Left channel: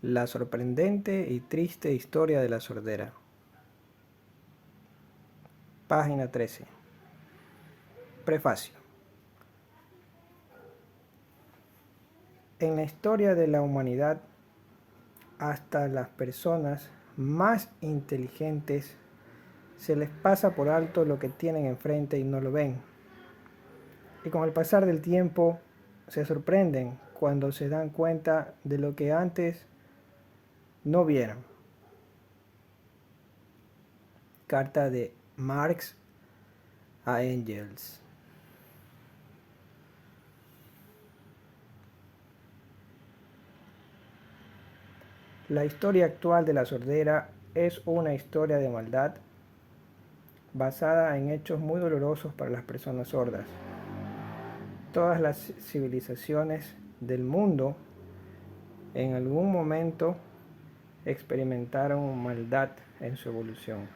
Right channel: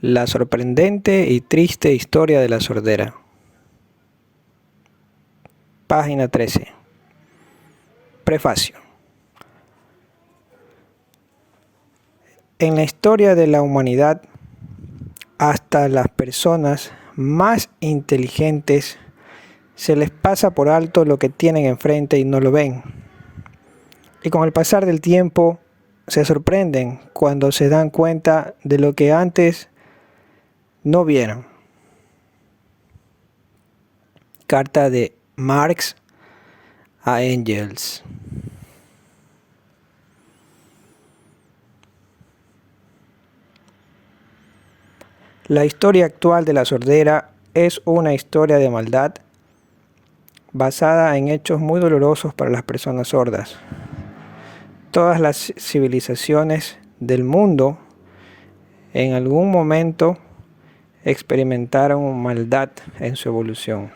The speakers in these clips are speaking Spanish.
La sorprendente y triste historia de la sordera. Página 13. Prefacio. En la historia de la humanidad, hasta las personas más inteligentes se les pasa por alto lo que tienen enfrente y no lo ven. Y con el pasar del tiempo se sorprenden cuando se dan cuenta de lo que antes no vieron. Carta de Marx a Engels. La historia actual de la sordera es una historia de maldad basada en hechos muy dolorosos para las personas sordas. Todas las civilizaciones del mundo en algún momento experimentaron maldad en su evolución.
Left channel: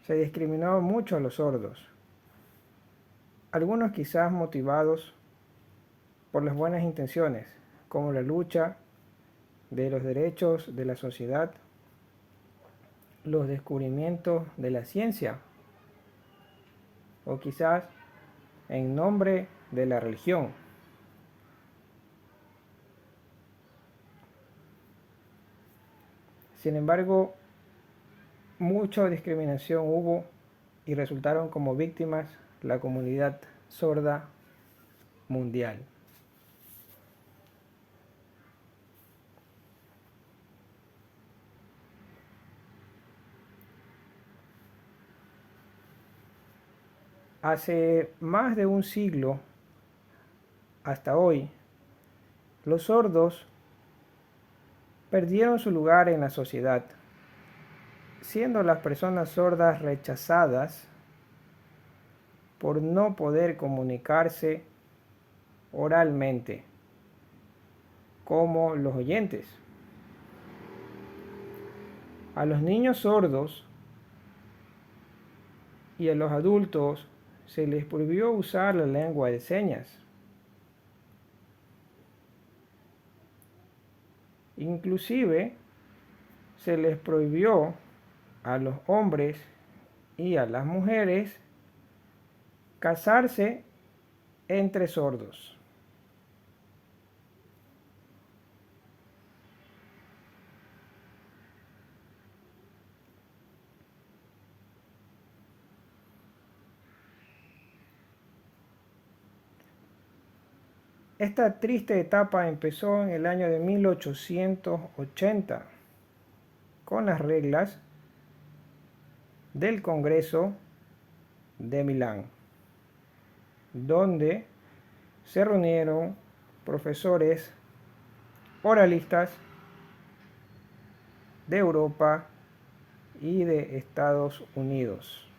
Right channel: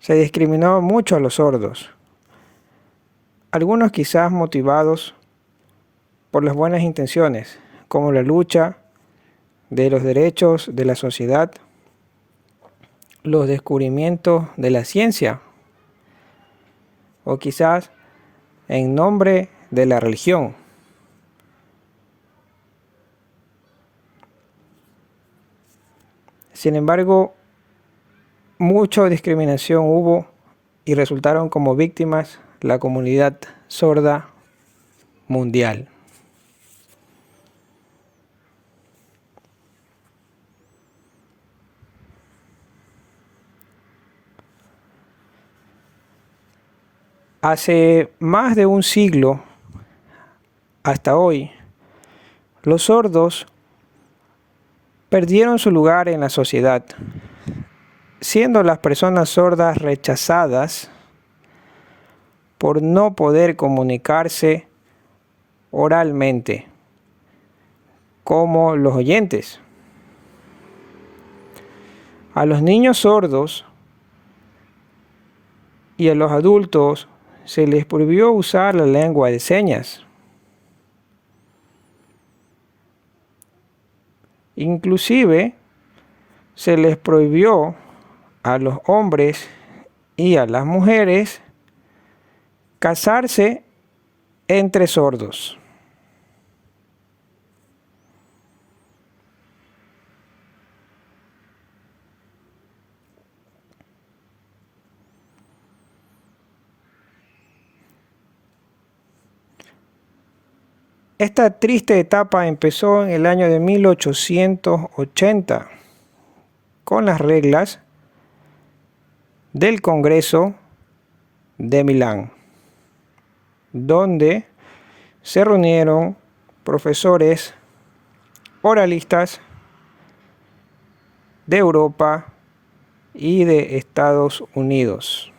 Se discriminó mucho a los sordos, algunos quizás motivados por las buenas intenciones, como la lucha de los derechos de la sociedad, los descubrimientos de la ciencia, o quizás en nombre de la religión. Sin embargo, mucha discriminación hubo y resultaron como víctimas la comunidad sorda mundial. Hace más de un siglo hasta hoy, los sordos perdieron su lugar en la sociedad, siendo las personas sordas rechazadas por no poder comunicarse oralmente como los oyentes. A los niños sordos y a los adultos se les prohibió usar la lengua de señas. Inclusive se les prohibió a los hombres y a las mujeres casarse entre sordos. Esta triste etapa empezó en el año de 1880 con las reglas del Congreso de Milán, donde se reunieron profesores oralistas de Europa y de Estados Unidos.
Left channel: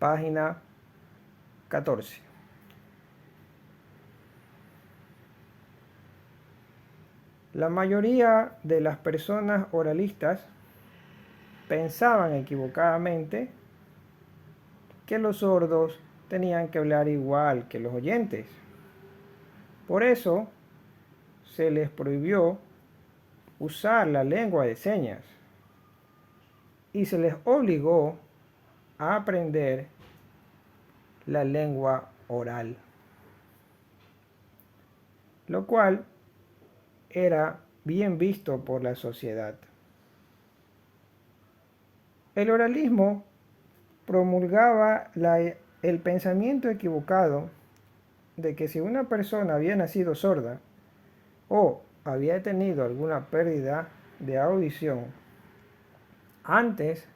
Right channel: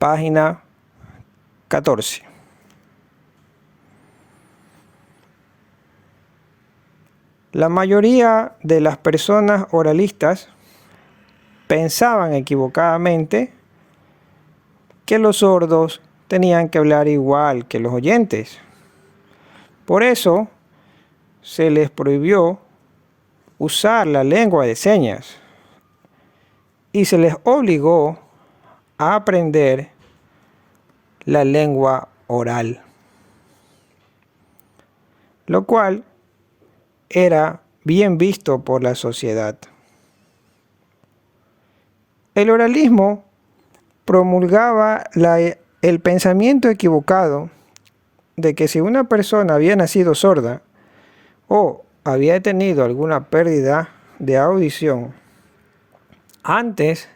Página 14. La mayoría de las personas oralistas pensaban equivocadamente que los sordos tenían que hablar igual que los oyentes. Por eso se les prohibió usar la lengua de señas y se les obligó a aprender la lengua oral, lo cual era bien visto por la sociedad. El oralismo promulgaba el pensamiento equivocado de que si una persona había nacido sorda o había tenido alguna pérdida de audición antes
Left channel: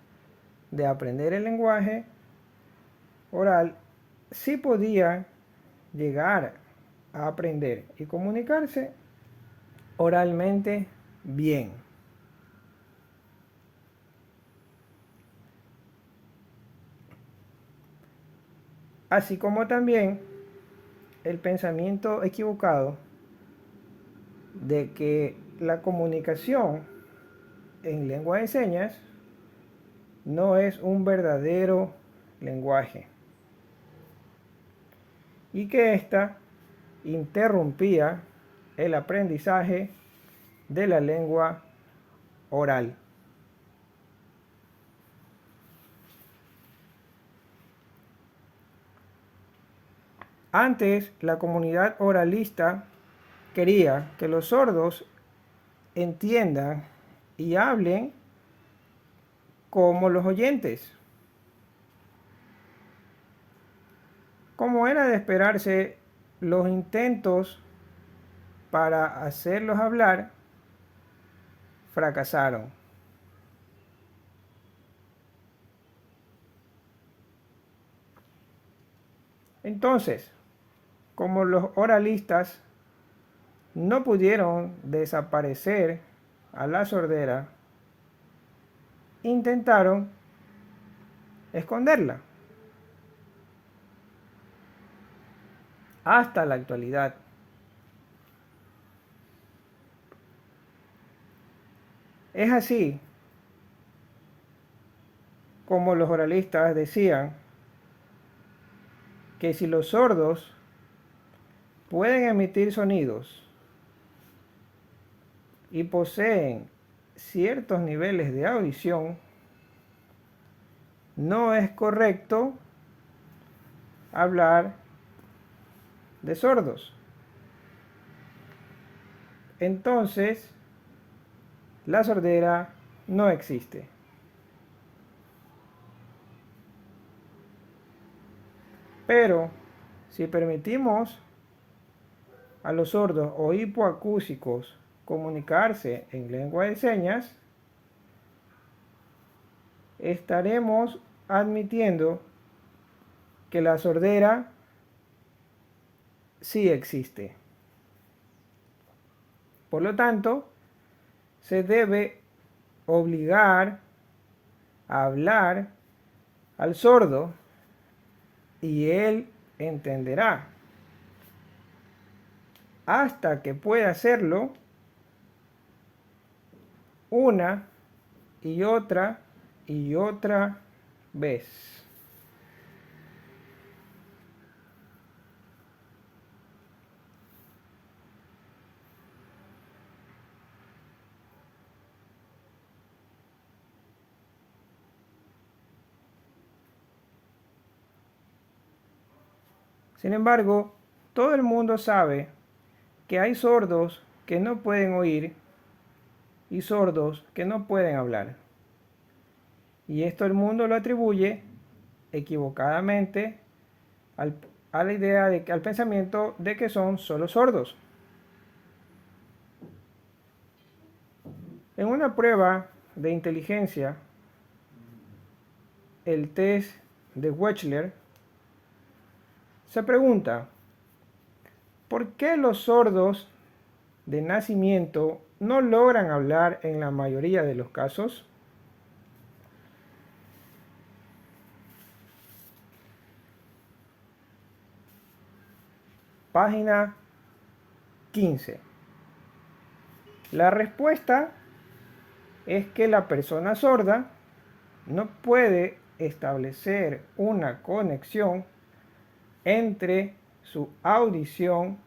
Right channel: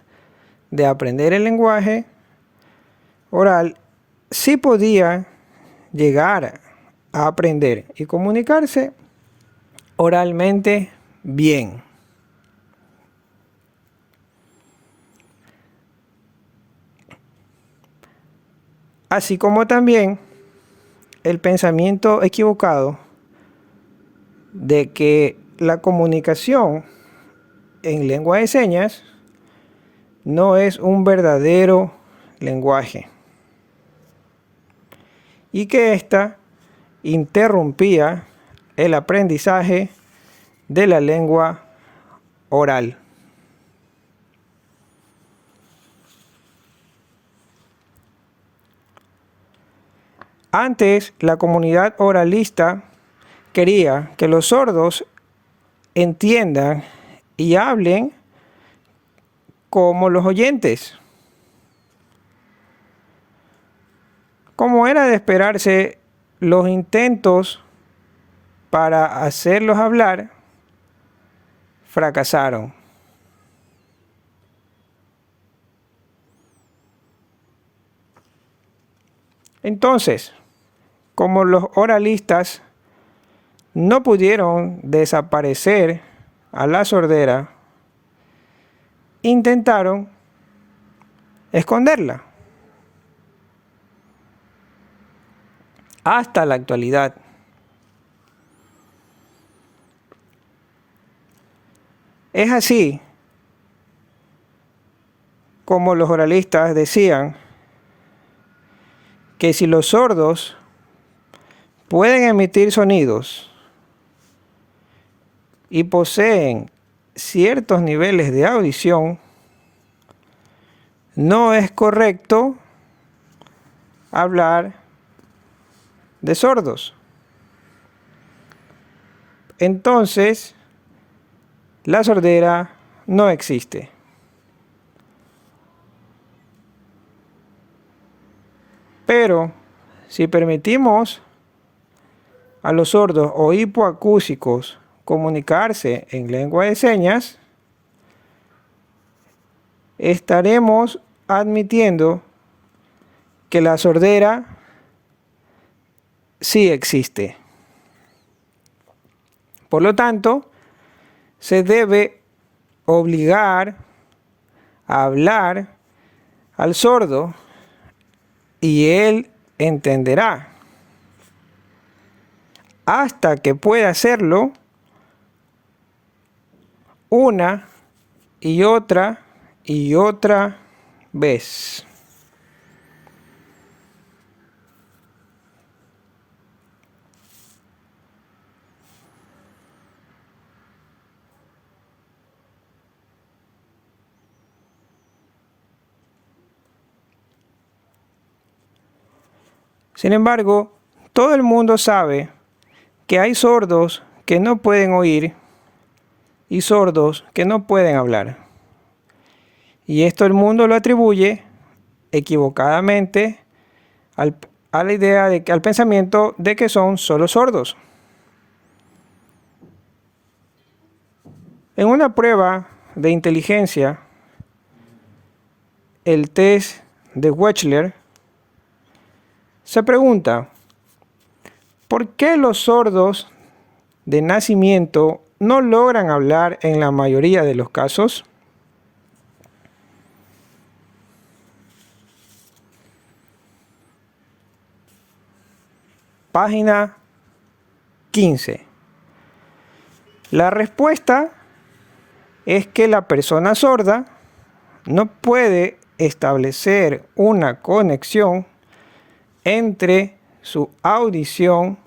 de aprender el lenguaje oral, sí podía llegar a aprender y comunicarse oralmente bien. Así como también el pensamiento equivocado de que la comunicación en lengua de señas no es un verdadero lenguaje. y que ésta interrumpía el aprendizaje de la lengua oral. Antes, la comunidad oralista quería que los sordos entiendan y hablen como los oyentes. Como era de esperarse, los intentos para hacerlos hablar fracasaron. Entonces, como los oralistas no pudieron desaparecer a la sordera, intentaron esconderla. Hasta la actualidad. Es así como los oralistas decían que si los sordos pueden emitir sonidos y poseen ciertos niveles de audición, no es correcto hablar de sordos. Entonces, la sordera no existe. Pero si permitimos a los sordos o hipoacúsicos comunicarse en lengua de señas, estaremos admitiendo que la sordera sí existe. Por lo tanto, se debe obligar a hablar al sordo y él entenderá. Hasta que pueda hacerlo una y otra vez. Sin embargo, todo el mundo sabe que hay sordos que no pueden oír y sordos que no pueden hablar. Y esto el mundo lo atribuye equivocadamente a la idea al pensamiento de que son solo sordos. En una prueba de inteligencia, el test de Wechsler, se pregunta, ¿por qué los sordos de nacimiento no logran hablar en la mayoría de los casos? Página 15. La respuesta es que la persona sorda no puede establecer una conexión entre su audición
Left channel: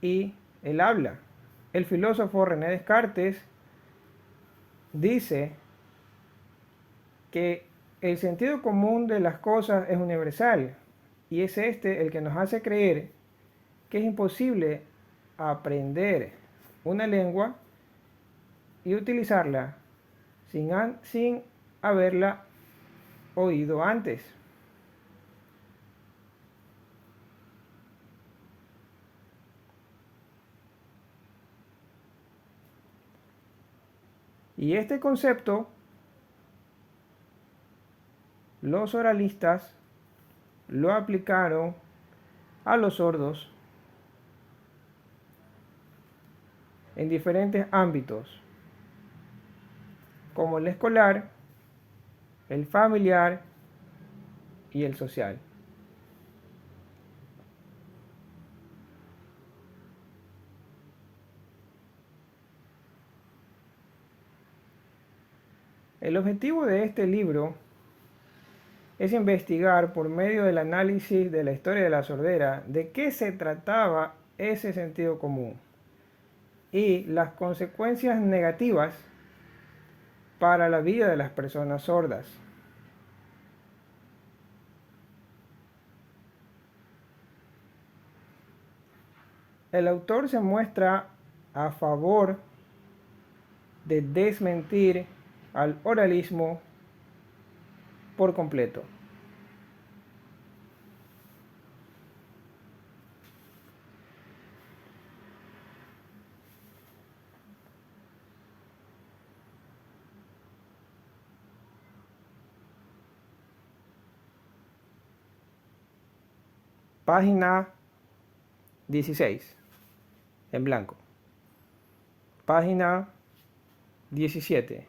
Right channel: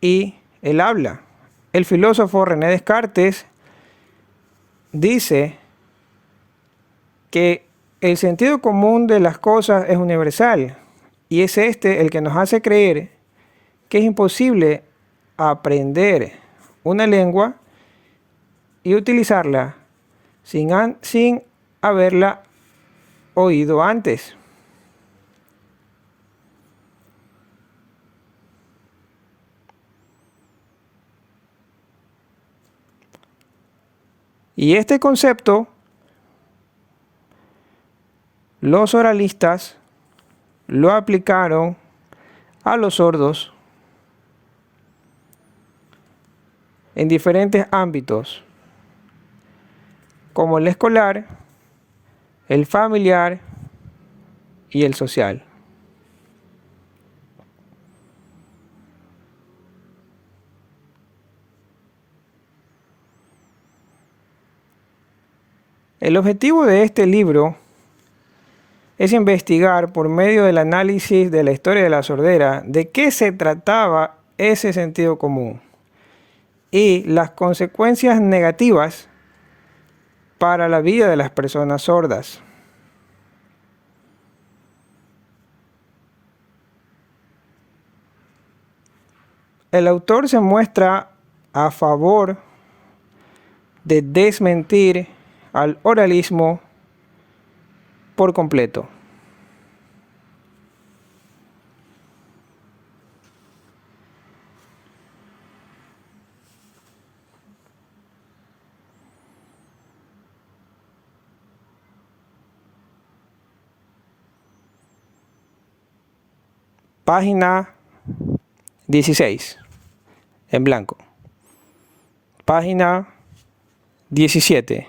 y el habla. El filósofo René Descartes dice que el sentido común de las cosas es universal y es este el que nos hace creer que es imposible aprender una lengua y utilizarla sin haberla oído antes. Y este concepto, los oralistas lo aplicaron a los sordos en diferentes ámbitos, como el escolar, el familiar y el social. El objetivo de este libro es investigar por medio del análisis de la historia de la sordera de qué se trataba ese sentido común y las consecuencias negativas para la vida de las personas sordas. El autor se muestra a favor de desmentir al oralismo por completo. Página 16, en blanco. Página 17.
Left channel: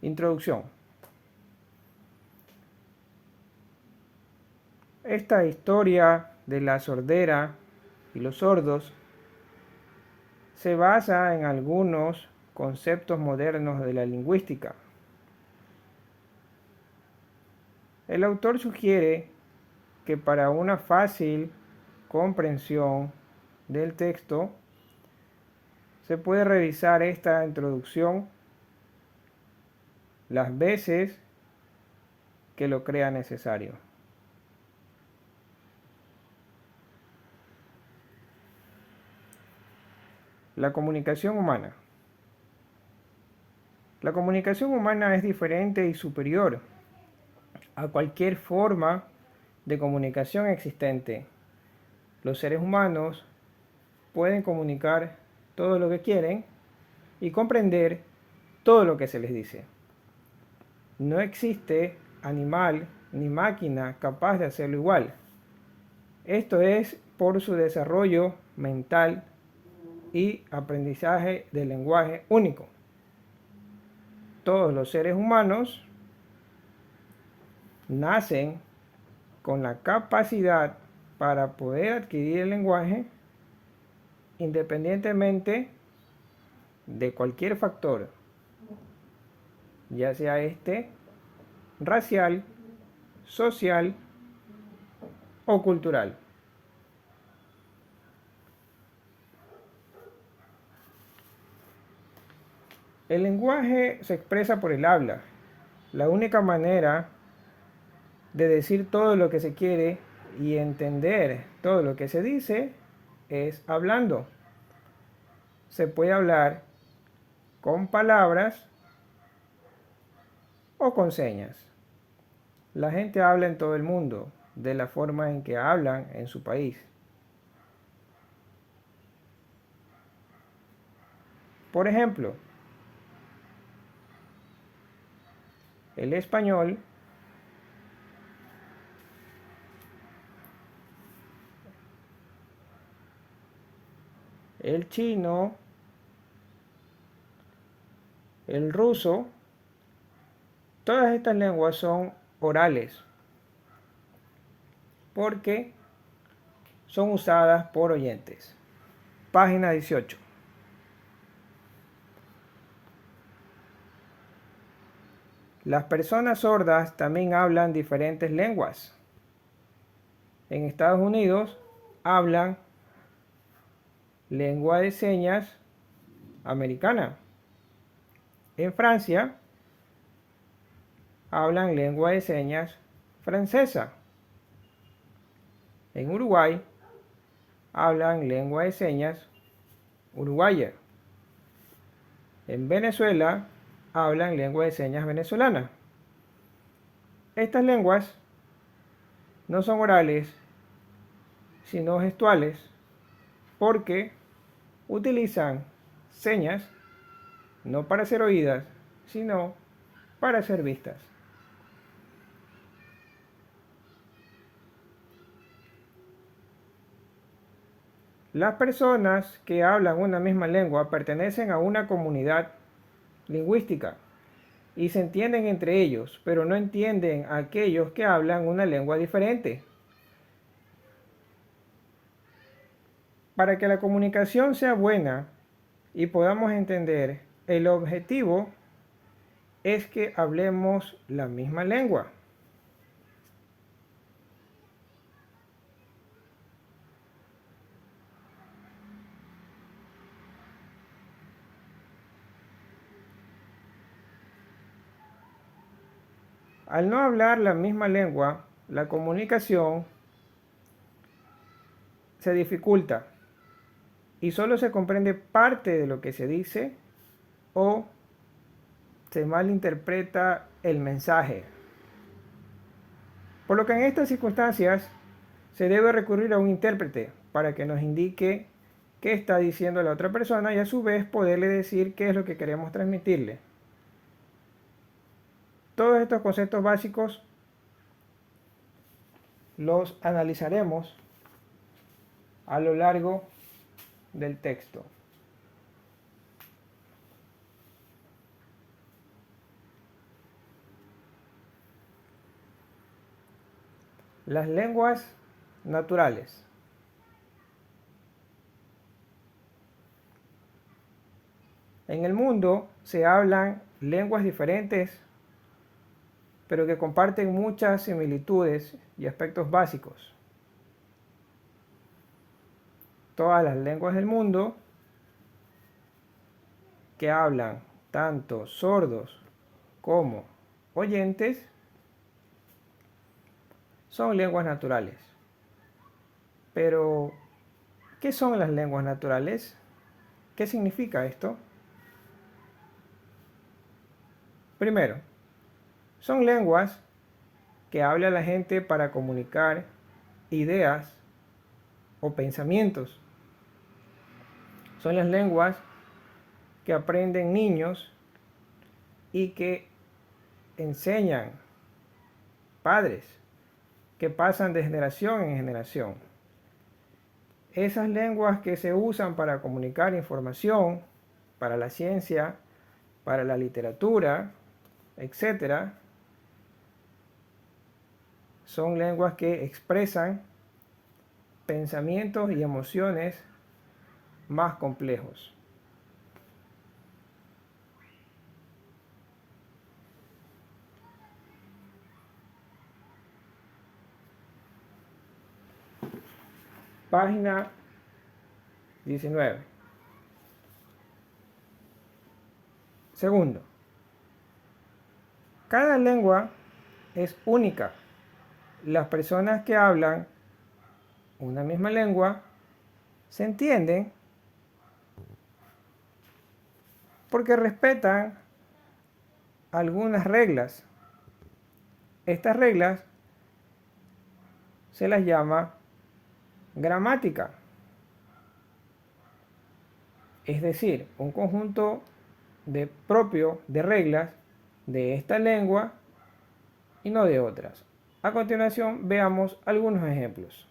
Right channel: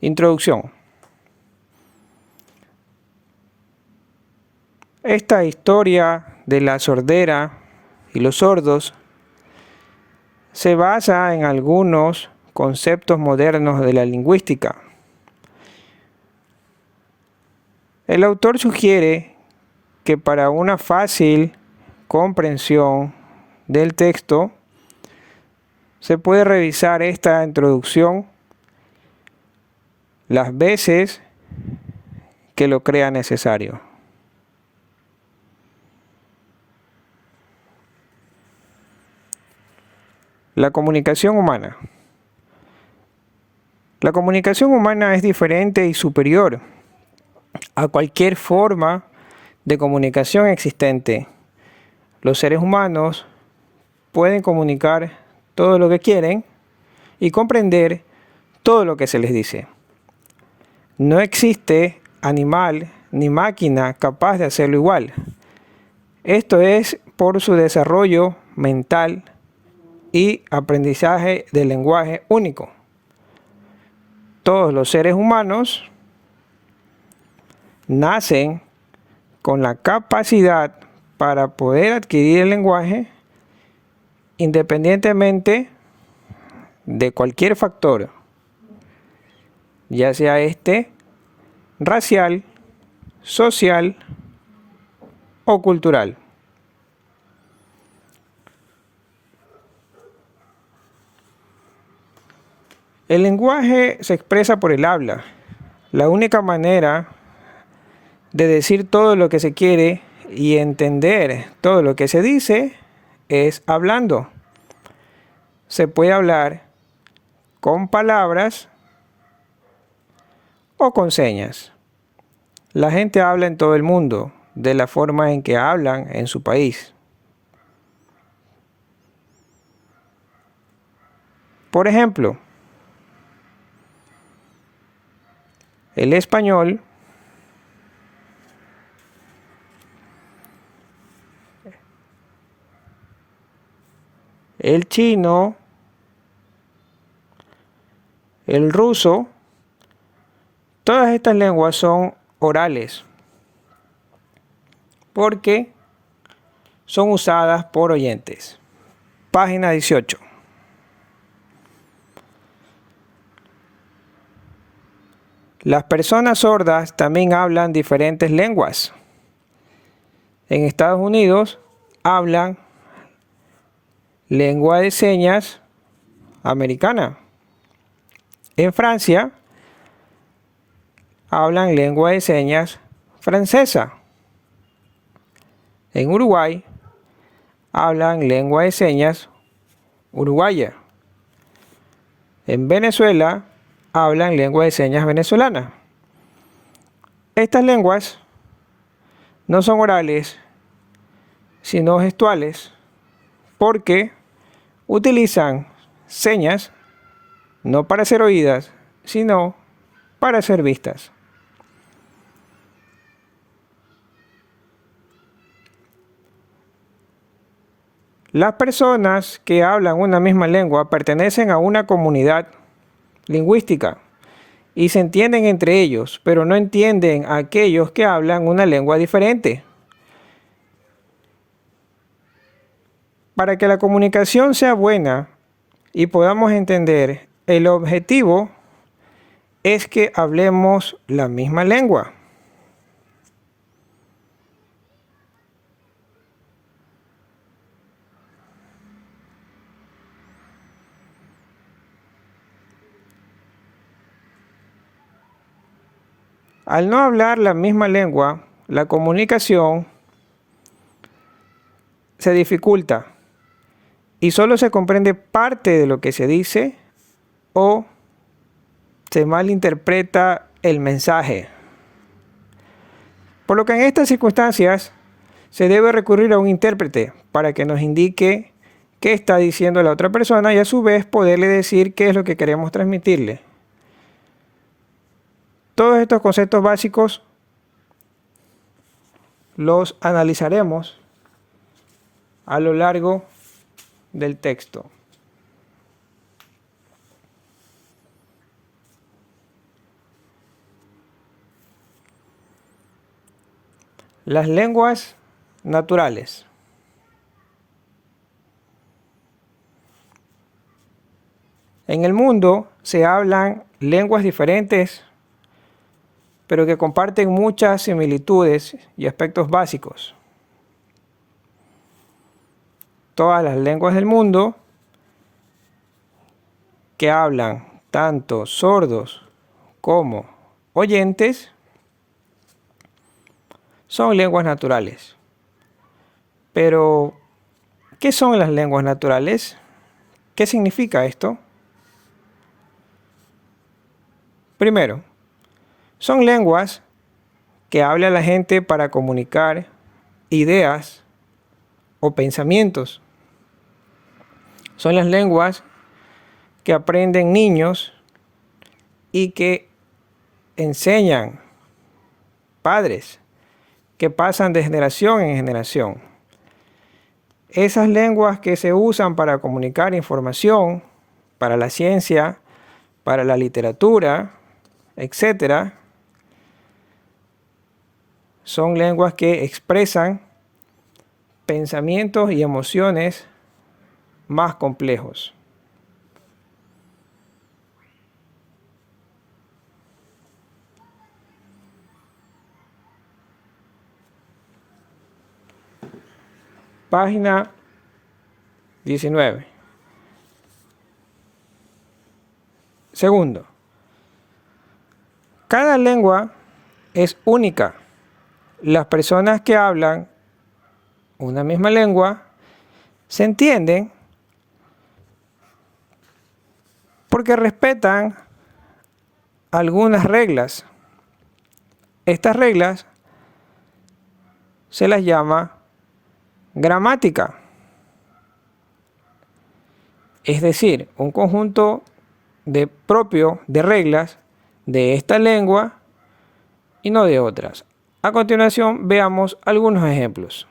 Introducción. Esta historia de la sordera y los sordos se basa en algunos conceptos modernos de la lingüística. El autor sugiere que para una fácil comprensión del texto se puede revisar esta introducción las veces que lo crea necesario. La comunicación humana. La comunicación humana es diferente y superior a cualquier forma de comunicación existente. Los seres humanos pueden comunicar todo lo que quieren y comprender todo lo que se les dice. No existe animal ni máquina capaz de hacerlo igual. Esto es por su desarrollo mental y aprendizaje del lenguaje único. Todos los seres humanos nacen con la capacidad para poder adquirir el lenguaje independientemente de cualquier factor, ya sea racial, social o cultural. El lenguaje se expresa por el habla. La única manera de decir todo lo que se quiere y entender todo lo que se dice es hablando. Se puede hablar con palabras o con señas. La gente habla en todo el mundo de la forma en que hablan en su país. Por ejemplo, el español, el chino, el ruso, todas estas lenguas son orales porque son usadas por oyentes. Página 18. Las personas sordas también hablan diferentes lenguas. En Estados Unidos hablan lengua de señas americana. En Francia hablan lengua de señas francesa. En Uruguay hablan lengua de señas uruguaya. En Venezuela hablan lengua de señas venezolana. Estas lenguas no son orales, sino gestuales, porque utilizan señas no para ser oídas, sino para ser vistas. Las personas que hablan una misma lengua pertenecen a una comunidad lingüística y se entienden entre ellos, pero no entienden a aquellos que hablan una lengua diferente. Para que la comunicación sea buena, y podamos entender, el objetivo es que hablemos la misma lengua. Al no hablar la misma lengua, la comunicación se dificulta y solo se comprende parte de lo que se dice o se malinterpreta el mensaje. Por lo que en estas circunstancias se debe recurrir a un intérprete para que nos indique qué está diciendo la otra persona y a su vez poderle decir qué es lo que queremos transmitirle. Todos estos conceptos básicos los analizaremos a lo largo del texto. Las lenguas naturales. En el mundo se hablan lenguas diferentes, pero que comparten muchas similitudes y aspectos básicos. Todas las lenguas del mundo que hablan tanto sordos como oyentes son lenguas naturales. Pero, ¿qué son las lenguas naturales? ¿Qué significa esto? Primero, son lenguas que habla la gente para comunicar ideas o pensamientos. Son las lenguas que aprenden niños y que enseñan padres, que pasan de generación en generación. Esas lenguas que se usan para comunicar información, para la ciencia, para la literatura, etc., son lenguas que expresan pensamientos y emociones más complejos. Página 19. Segundo, cada lengua es única. Las personas que hablan una misma lengua se entienden porque respetan algunas reglas. Estas reglas se las llama gramática. Es decir, un conjunto propio de reglas de esta lengua y no de otras. A continuación, veamos algunos ejemplos.